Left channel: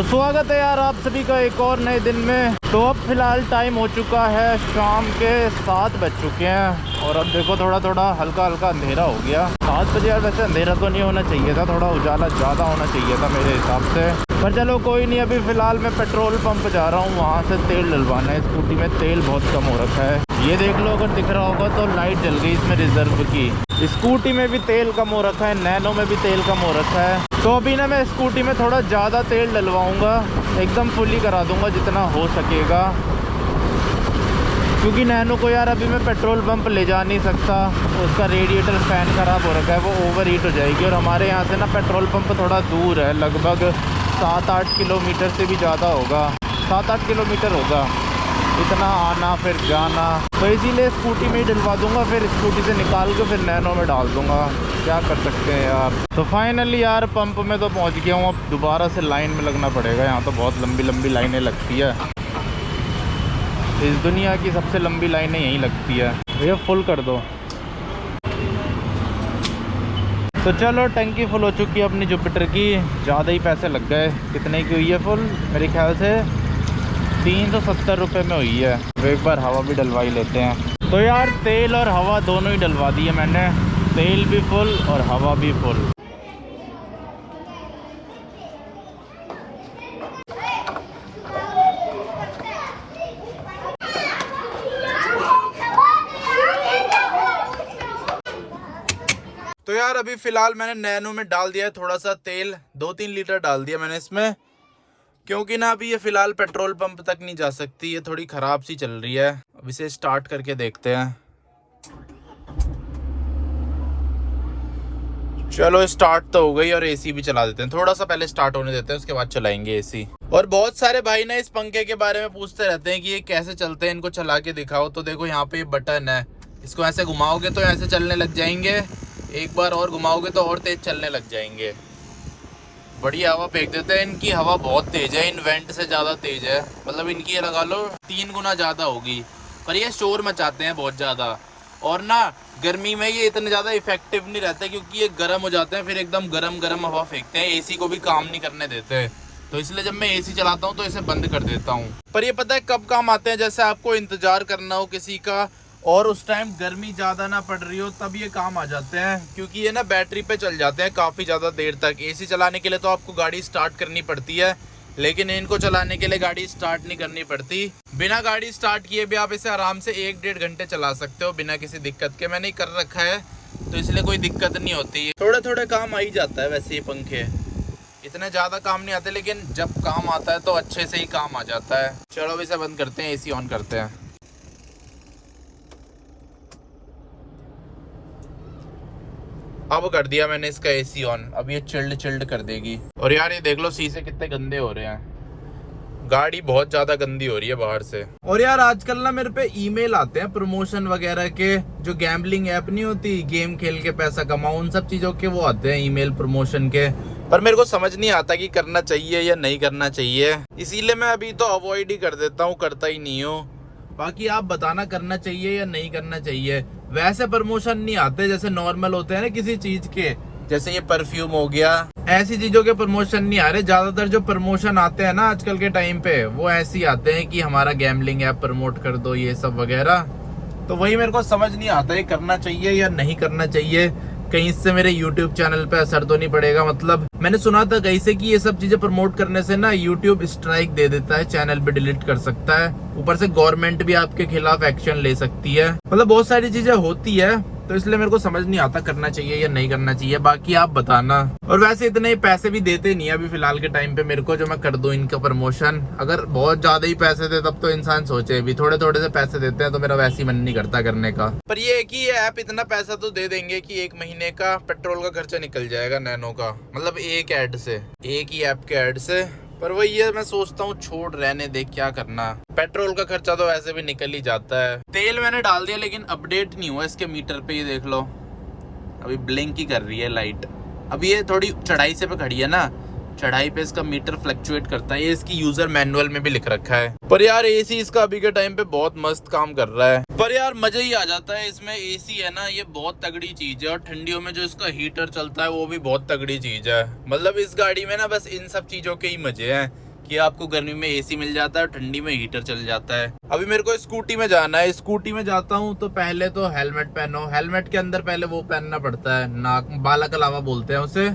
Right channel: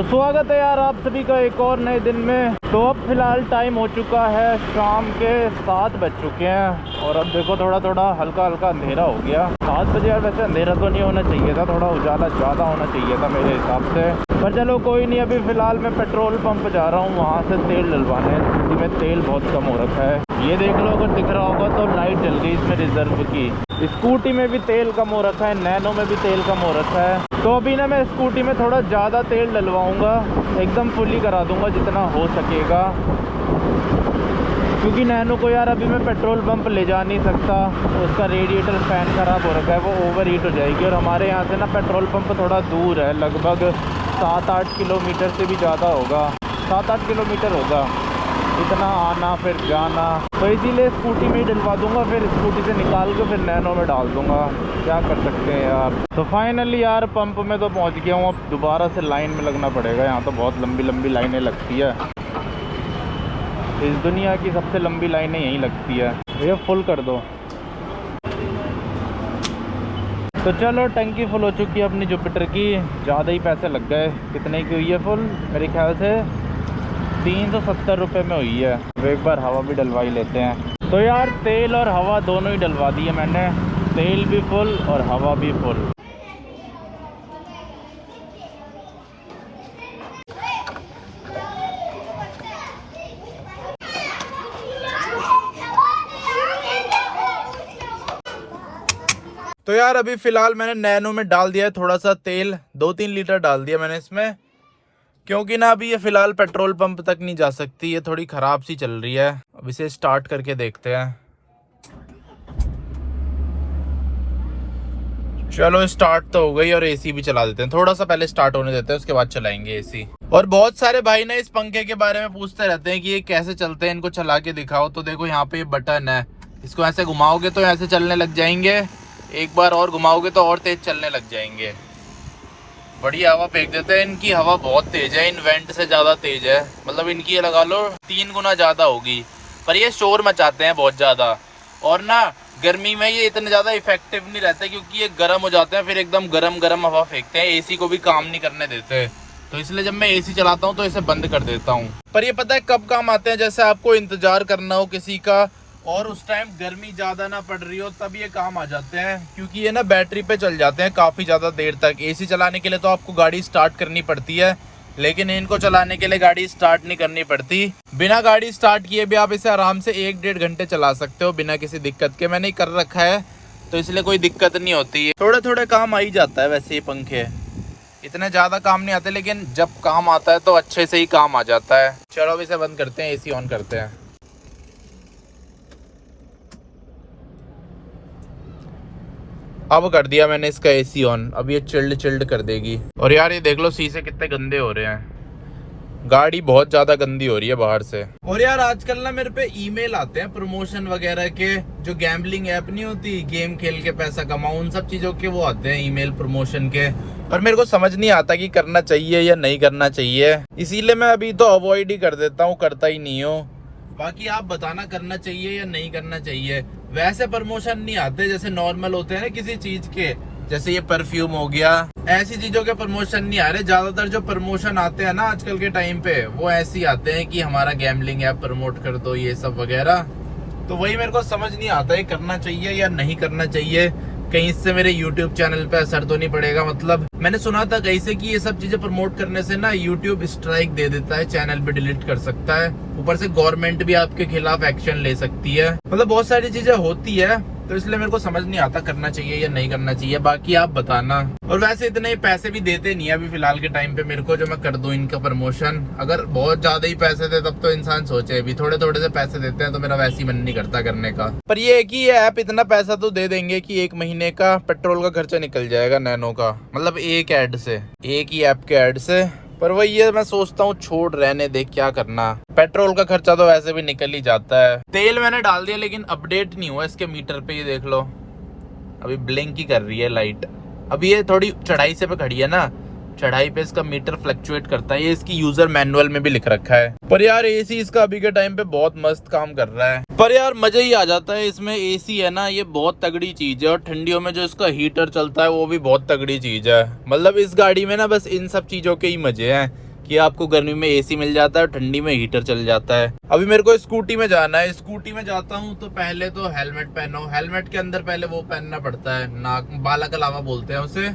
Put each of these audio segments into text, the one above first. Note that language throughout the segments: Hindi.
तो स्वागत है यार आप सभी का एक और नए दिन में। तो अब फिलहाल टाइम हो चुका है शाम के 7 बज चुके हैं और अब देखो थोड़ा थोड़ा हल्का हल्का अंधेरा हो गया। 7 बजे यार वैसे अंधेरा तो नहीं होना चाहिए था, थोड़ा उजाला ज़्यादा होना चाहिए था मेरे हिसाब से, पर चलो कोई नहीं। अभी फ़िलहाल मैं पेट्रोल पंप जा रहा हूँ, वहाँ से तेल डलवाने। स्कूटी में तेल बहुत कम हो रखा है, ये देख लो अगर दिख रहा होगा तो लाइट जल गई इसमें रिजर्व की। स्कूटी में भी तेल कम हो रखा है, नैनो में भी तेल कम हो रखा है। तो अभी ना मैं स्कूटी में थोड़ा ज़्यादा तेल डलवाऊँगा, एकदम फुली करा दूँगा जितना हो सकेगा, क्योंकि नैनो को यार अभी मैं पेट्रोल पंप ले जा नहीं सकता। उसका रेडिएटर फ़ैन ख़राब हो रखा है, वो ओवर हीट हो जाएगी। और हमारे यहाँ से ना पेट्रोल पंप थोड़ा दूर है, लगभग 7-8 किलोमीटर से भी ज़्यादा होगा, 7-8 किलोमीटर होगा इतना आना फिर जाना। तो इसीलिए स्कूटी में ही डलवा दूंगा, फिर स्कूटी से निकाल के फिर नैनो में डाल दूंगा। क्या कर सकते हैं यार। तो फाइनली यार पंप में तो पहुंच गया हूँ, अब दोबारा से लाइन में लगना पड़ेगा। यहाँ तो बहुत लंबी लंबी लाइनें लगती है, इस दुनिया की सबसे लंबी लाइनें यहीं लगती है। ये फुल कर दो। तो चलो टंकी फुल हो चुकी है अपनी जुपिटर की, ज़्यादा ही पैसे लग गए। कितने की हुई है फुल? मेरे ख्याल से 370 रुपये में हुई है। तो एक बार हवा भी डलवा ही लेते हैं। तो यार तेल और हवा दोनों ही डलवा दी है मैंने, तेल भी फुल और हवा भी फुल। तो यार अभी फ़िलहाल मैंने नैनो में डाल दिया है थोड़ा सा तेल, 2-3 लीटर डाल दिया मैंने इसमें, क्योंकि ना अभी ये फ़िलहाल पेट्रोल पंप तक नहीं जा सकती, ये थोड़ी ख़राब सी चल रही है। अब इसे स्टार्ट करके देखते हैं। चलो स्टार्ट तो हो गई और एसी भी चला देते हैं, थोड़ा सा पहले स्टार्ट होने देते हैं उसके बाद चलाएंगे एसी। और बहुत सारे भाई ना इस पंखे के बारे में पूछते रहते हैं कि ये कैसे चलते हैं, इनको चला के दिखाओ। तो देखो यहाँ पे ये बटन है, इसको ऐसे घुमाओगे तो ऐसे चलने लग जाएंगे, एक बार और घुमाओगे तो और तेज चलने लग जाएंगे। बढ़िया हवा फेंक देते हैं। इनकी हवा बहुत तेज है, इन वेंट से ज़्यादा तेज है, मतलब इनकी ये लगा लो 3 गुना ज़्यादा होगी। पर ये शोर मचाते हैं बहुत ज़्यादा, और ना गर्मी में ये इतने ज़्यादा इफेक्टिव नहीं रहते, क्योंकि ये गर्म हो जाते हैं, फिर एकदम गरम गरम हवा फेंकते हैं, एसी को भी काम नहीं करने देते। तो इसलिए जब मैं एसी चलाता हूँ तो इसे बंद कर देता हूँ। पर ये पता है कब काम आते हैं, जैसे आपको इंतज़ार करना हो किसी का और उस टाइम गर्मी ज़्यादा ना पड़ रही हो, तब ये काम आ जाते हैं, क्योंकि ये ना बैटरी पे चल जाते हैं काफ़ी ज़्यादा देर तक। एसी चलाने के लिए तो आपको गाड़ी स्टार्ट करनी पड़ती है, लेकिन इनको चलाने के लिए गाड़ी स्टार्ट नहीं करनी पड़ती। बिना गाड़ी स्टार्ट किए भी आप इसे आराम से 1-1.5 घंटे चला सकते हो बिना किसी दिक्कत के। मैंने कर रखा है तो इसलिए कोई दिक्कत नहीं होती है। थोड़े थोड़े काम आ ही जाता है वैसे ये पंखे, इतने ज़्यादा काम नहीं आते, लेकिन जब काम आता है तो अच्छे से ही काम आ जाता है। चलो अब इसे बंद करते हैं, एसी ऑन करते हैं। अब कर दिया मैंने इसका एसी ऑन, अब ये चिल्ड कर देगी। और यार ये देख लो शीशे कितने गंदे हो रहे हैं, गाड़ी बहुत ज्यादा गंदी हो रही है बाहर से। और यार आजकल ना मेरे पे ईमेल आते हैं प्रमोशन वगैरह के, जो गैम्बलिंग ऐप नहीं होती, गेम खेल के पैसा कमाओ, उन सब चीजों के वो आते हैं ईमेल प्रमोशन के। पर मेरे को समझ नहीं आता कि करना चाहिए या नहीं करना चाहिए, इसीलिए मैं अभी तो अवॉइड ही कर देता हूँ, करता ही नहीं हूँ। बाकी आप बताना करना चाहिए या नहीं करना चाहिए। वैसे प्रमोशन नहीं आते जैसे नॉर्मल होते हैं ना किसी चीज के, जैसे ये परफ्यूम हो गया, ऐसी चीजों के प्रमोशन नहीं आ रहे। ज्यादातर जो प्रमोशन आते हैं ना आजकल के टाइम पे, वो ऐसे ही आते हैं कि हमारा गैम्बलिंग ऐप प्रमोट कर दो, ये सब वगैरह। तो वही मेरे को समझ नहीं आता है करना चाहिए या नहीं करना चाहिए। कहीं इससे मेरे YouTube चैनल पे असर तो नहीं पड़ेगा? मतलब मैंने सुना था कहीं से कि ये सब चीजें प्रमोट करने से ना YouTube स्ट्राइक दे देता है, चैनल भी डिलीट कर सकता है, ऊपर से गवर्नमेंट भी आपके खिलाफ एक्शन ले सकती है। मतलब बहुत सारी चीजें होती है, तो इसलिए मेरे को समझ नहीं आता करना चाहिए या नहीं करना चाहिए। बाकी आप बताना। और वैसे इतने पैसे भी देते नहीं है अभी फिलहाल के टाइम पे मेरे को, जो मैं कर दूं इनका प्रमोशन। अगर बहुत ज्यादा ही पैसे दे तब तो इंसान सोचे, अभी थोड़े थोड़े से पैसे देते हैं तो मेरा वैसे ही मन नहीं करता करने का। पर ये है कि ये ऐप इतना पैसा तो दे देंगे कि 1 महीने का पेट्रोल का खर्चा निकल जाएगा नैनो का, मतलब एक ऐड से, एक ही ऐप के ऐड से। पर वही है, मैं सोचता हूँ छोड़ रहने दे, क्या करना, पेट्रोल का खर्चा तो वैसे भी निकल ही जाता है। तेल मैंने डाल दिया लेकिन अपडेट नहीं हुआ इसके मीटर पे, ये देख लो अभी ब्लिंक ही कर रही है लाइट। अभी ये थोड़ी चढ़ाई से पे खड़ी है ना, चढ़ाई पे इसका मीटर फ्लक्चुएट करता है, ये इसकी यूजर मैनुअल में भी लिख रखा है। पर यार एसी इसका अभी के टाइम पे बहुत मस्त काम कर रहा है। पर यार मजा ही आ जाता है इसमें, एसी है ना ये बहुत तगड़ी चीज है। और ठंडियों में जो इसका हीटर चलता है वो भी बहुत तगड़ी चीज है। मतलब इस गाड़ी में ना बस इन सब चीजों के ही मजे हैं कि आपको गर्मी में एसी मिल जाता है और ठंडी में हीटर चल जाता है। अभी मेरे को स्कूटी में जाना है, स्कूटी में जाता हूँ तो पहले तो हेलमेट पहनो। हेलमेट के अंदर पहले वो पहनना पड़ता है, नाक बाला कलावा बोलते हैं उसे,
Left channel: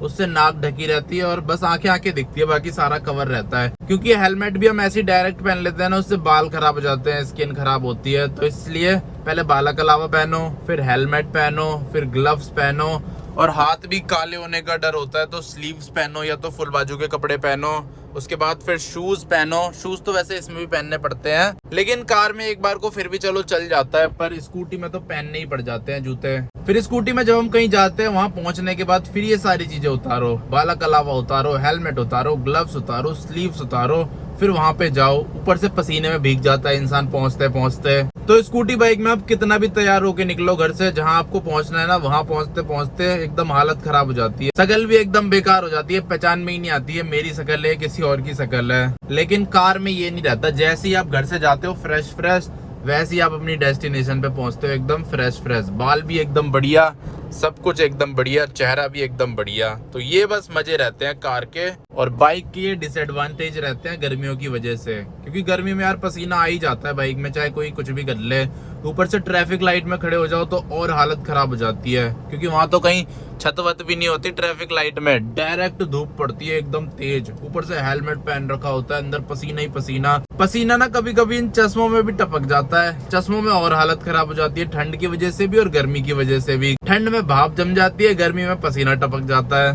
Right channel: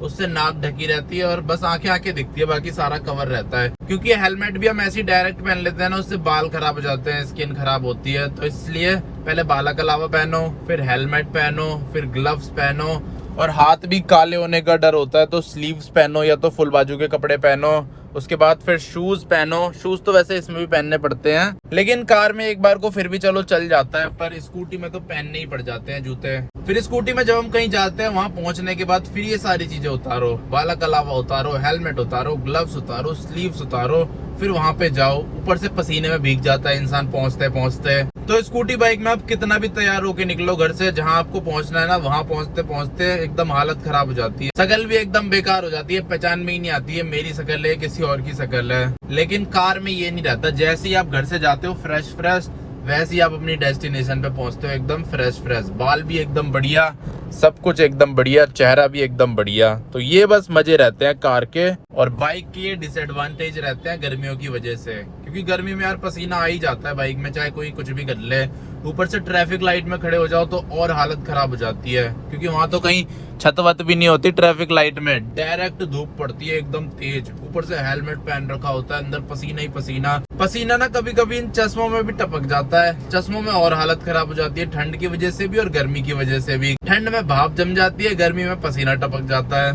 उससे नाक ढकी रहती है और बस आंखें दिखती है, बाकी सारा कवर रहता है। क्योंकि हेलमेट भी हम ऐसे डायरेक्ट पहन लेते हैं ना, उससे बाल खराब हो जाते हैं, स्किन खराब होती है, तो इसलिए पहले बाला कलावा पहनो, फिर हेलमेट पहनो, फिर ग्लव्स पहनो, और हाथ भी काले होने का डर होता है तो स्लीव्स पहनो या तो फुल बाजू के कपड़े पहनो। उसके बाद फिर शूज पहनो। शूज तो वैसे इसमें भी पहनने पड़ते हैं, लेकिन कार में एक बार को फिर भी चलो चल जाता है, पर स्कूटी में तो पहनने ही पड़ जाते हैं जूते। फिर स्कूटी में जब हम कहीं जाते हैं, वहां पहुंचने के बाद फिर ये सारी चीजें उतारो, बाला कलावा उतारो, हेलमेट उतारो, ग्लव्स उतारो, स्लीव्स उतारो, फिर वहां पे जाओ। ऊपर से पसीने में भीग जाता है इंसान पहुंचते पहुंचते। तो स्कूटी बाइक में आप कितना भी तैयार होके निकलो घर से, जहां आपको पहुंचना है ना, वहां पहुंचते पहुंचते एकदम हालत खराब हो जाती है, शक्ल भी एकदम बेकार हो जाती है, पहचान में ही नहीं आती है मेरी शक्ल है किसी और की शक्ल है। लेकिन कार में ये नहीं रहता, जैसे ही आप घर से जाते हो फ्रेश फ्रेश, वैसे ही आप अपनी डेस्टिनेशन पे पहुंचते हो एकदम फ्रेश फ्रेश, बाल भी एकदम बढ़िया, सब कुछ एकदम बढ़िया, चेहरा भी एकदम बढ़िया। तो ये बस मजे रहते हैं कार के। और बाइक के ये डिसएडवांटेज रहते हैं गर्मियों की वजह से, क्योंकि गर्मी में यार पसीना आ ही जाता है बाइक में, चाहे कोई कुछ भी कर ले। ऊपर से ट्रैफिक लाइट में खड़े हो जाओ तो और हालत खराब हो जाती है, क्योंकि वहां तो कहीं छत वत भी नहीं होती, ट्रैफिक लाइट में डायरेक्ट धूप पड़ती है एकदम तेज। ऊपर से हेलमेट पहन रखा होता है, अंदर पसीना ही पसीना। पसीना ना कभी कभी इन चश्मों में भी टपक जाता है, चश्मों में और हालत खराब हो जाती है, ठंड की वजह से भी और गर्मी की वजह से भी। ठंड में भाप जम जाती है, गर्मी में पसीना टपक जाता है,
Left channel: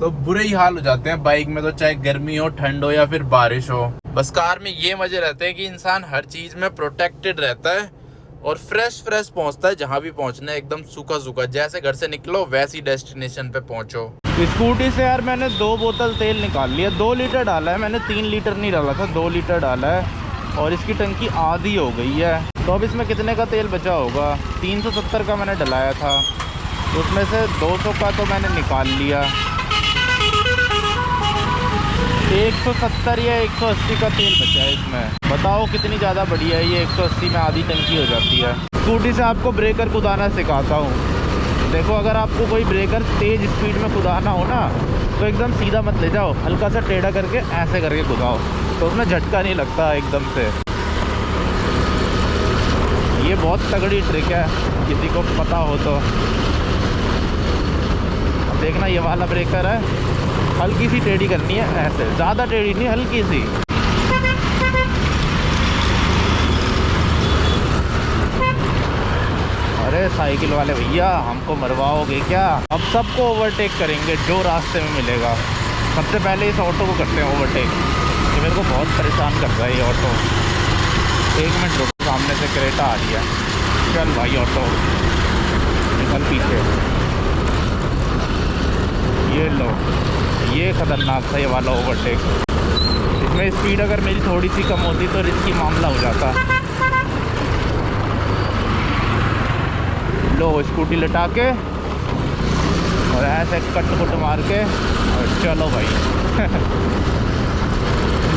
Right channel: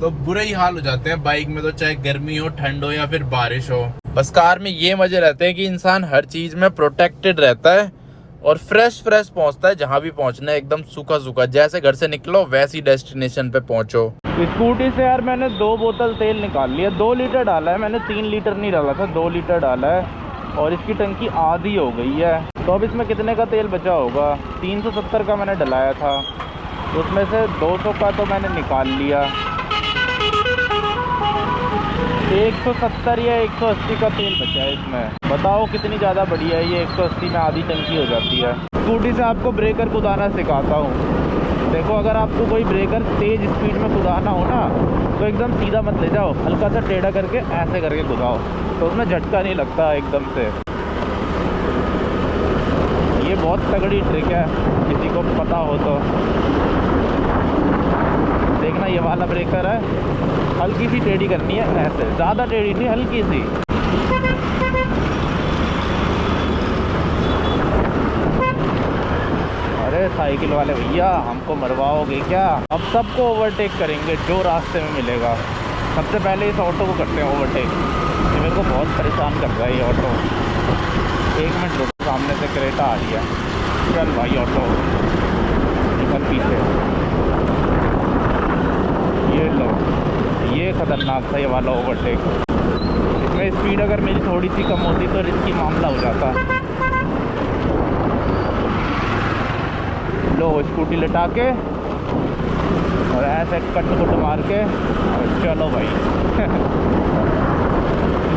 तो बुरे ही हाल हो जाते हैं बाइक में, तो चाहे गर्मी हो, ठंड हो या फिर बारिश हो। बस कार में ये मजे रहते हैं कि इंसान हर चीज में प्रोटेक्टेड रहता है और फ्रेश फ्रेश पहुंचता है जहां भी पहुंचना है, एकदम सूखा सूखा, जैसे घर से निकलो वैसी डेस्टिनेशन पे पहुंचो। स्कूटी से यार मैंने 2 बोतल तेल निकाल लिया, 2 लीटर डाला है मैंने, 3 लीटर नहीं डाला था, 2 लीटर डाला है, और इसकी टंकी आधी हो गई है। तो अब इसमें कितने का तेल बचा होगा, 370 का मैंने डलाया था, उसमें से 200 का तो मैंने निकाल लिया, 170 या 180 का तेल बचा है इसमें। बताओ कितनी ज़्यादा बढ़िया है ये, 180 में आधी टंकी हो जाती है। स्कूटी से आपको ब्रेकर कुदाना सिखाता हूँ। देखो, अगर आपको कोई ब्रेकर तेज़ स्पीड में कुदाना हो ना, तो एकदम सीधा मत ले जाओ, हल्का सा टेढ़ा करके ऐसे करके कुदाओ, तो उसमें झटका नहीं लगता एकदम से। ये बहुत तगड़ी ट्रिक है, किसी को पता हो तो देखना। ये वाला ब्रेकर है, हल्की सी टेढ़ी करनी है ऐसे, ज़्यादा टेढ़ी नहीं, हल्की सी। अरे साइकिल वाले भैया, हमको मरवाओगे क्या? अब सबको ओवरटेक करेंगे जो रास्ते में मिलेगा। सबसे पहले इस ऑटो को करते हैं ओवरटेक, ये मेरे को बहुत परेशान कर रहा है ये ऑटो। 1 मिनट रुक, सामने से क्रेटा आ रही है। चल भाई ऑटो निकल पीछे। ये लो, ये खतरनाक था ये वाला ओवरटेक। इसमें स्पीड अगर मेरी थोड़ी सी कम होती तो रिस्की मामला हो जाता। लो, स्कूटी लटा के और ऐसे कट मार के और चलो भाई।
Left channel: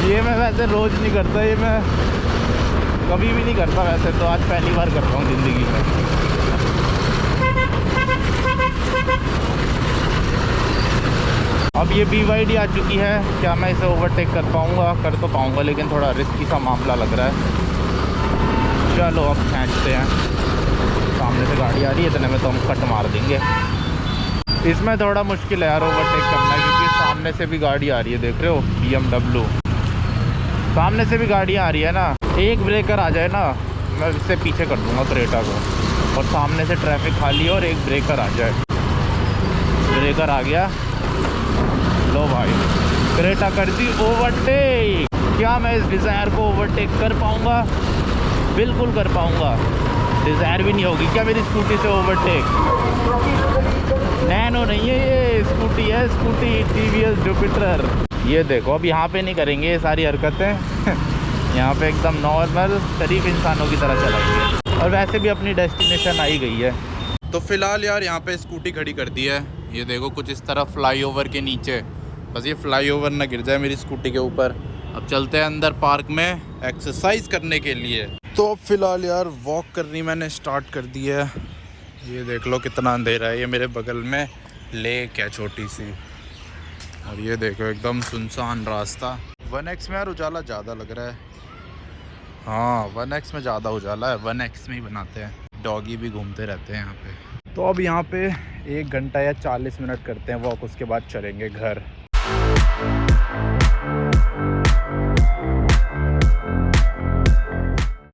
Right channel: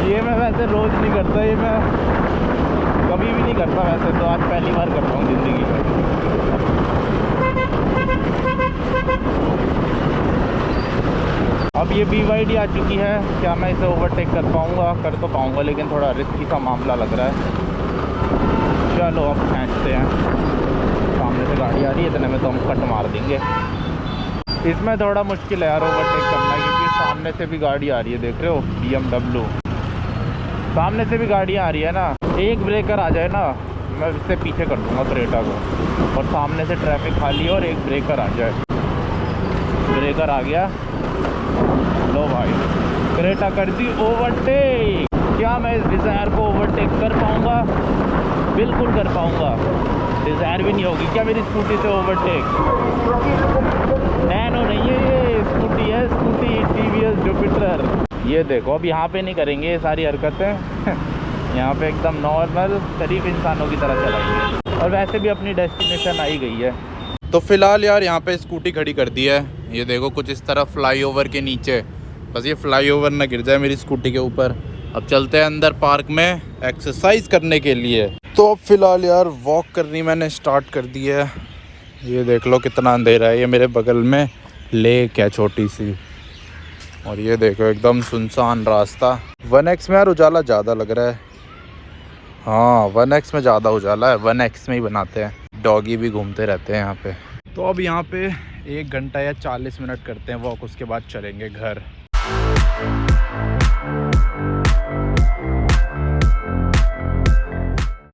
ये मैं वैसे रोज़ नहीं करता, ये मैं कभी भी नहीं करता वैसे, तो आज पहली बार कर रहा हूँ ज़िंदगी। अब ये BYD आ चुकी है, क्या मैं इसे ओवरटेक कर पाऊँगा? कर तो पाऊँगा, लेकिन थोड़ा रिस्की सा मामला लग रहा है। चलो अब खींचते हैं, सामने से गाड़ी आ रही है, इतने में तो हम कट मार देंगे। इसमें थोड़ा मुश्किल है यार ओवरटेक करना, क्योंकि सामने से भी गाड़ी आ रही है, देख रहे हो BMW, सामने से भी गाड़ी आ रही है ना। एक ब्रेकर आ जाए ना, मैं इससे पीछे कर दूँगा क्रेटा को, और सामने से ट्रैफिक खाली और एक ब्रेकर आ जाए। ब्रेकर आ गया, लो भाई, क्रेटा कर दी ओवरटेक। क्या मैं इस डिज़ायर को ओवरटेक कर पाऊँगा? बिल्कुल कर पाऊँगा, डिज़ायर भी नहीं होगी क्या मेरी स्कूटी से ओवरटेक? नैनो नहीं है ये, स्कूटी है, स्कूटी TVS जुपिटर। ये देखो, अब यहाँ पे नहीं करेंगे ये सारी हरकतें। यहाँ पे एकदम नॉर्मल शरीफ इंसानों की तरह चलाएंगे, और वैसे भी अपनी डेस्टिनेशन आई गई है। तो फिलहाल यार यहाँ पे स्कूटी खड़ी कर दी है, ये देखो कुछ इस तरह फ्लाईओवर के नीचे, बस ये फ्लाईओवर ना गिर जाए मेरी स्कूटी के ऊपर। अब चलते हैं अंदर पार्क में एक्सरसाइज करने के लिए। तो अब फिलहाल यार वॉक करनी मैंने स्टार्ट कर दी है। ये देख लो कितना अंधेरा है, ये मेरे बगल में लेक है छोटी सी, और ये देखो एकदम सुनसान रास्ता। 1X में यार उजाला ज़्यादा लग रहा है। हाँ 1X में ज़्यादा उजाला है, 1X में ही बनाते हैं। डॉगी भी घूमते रहते हैं यहाँ पे। तो अब यहाँ पे 1 घंटा या 40 मिनट करते हैं वॉक, उसके बाद चलेंगे घर।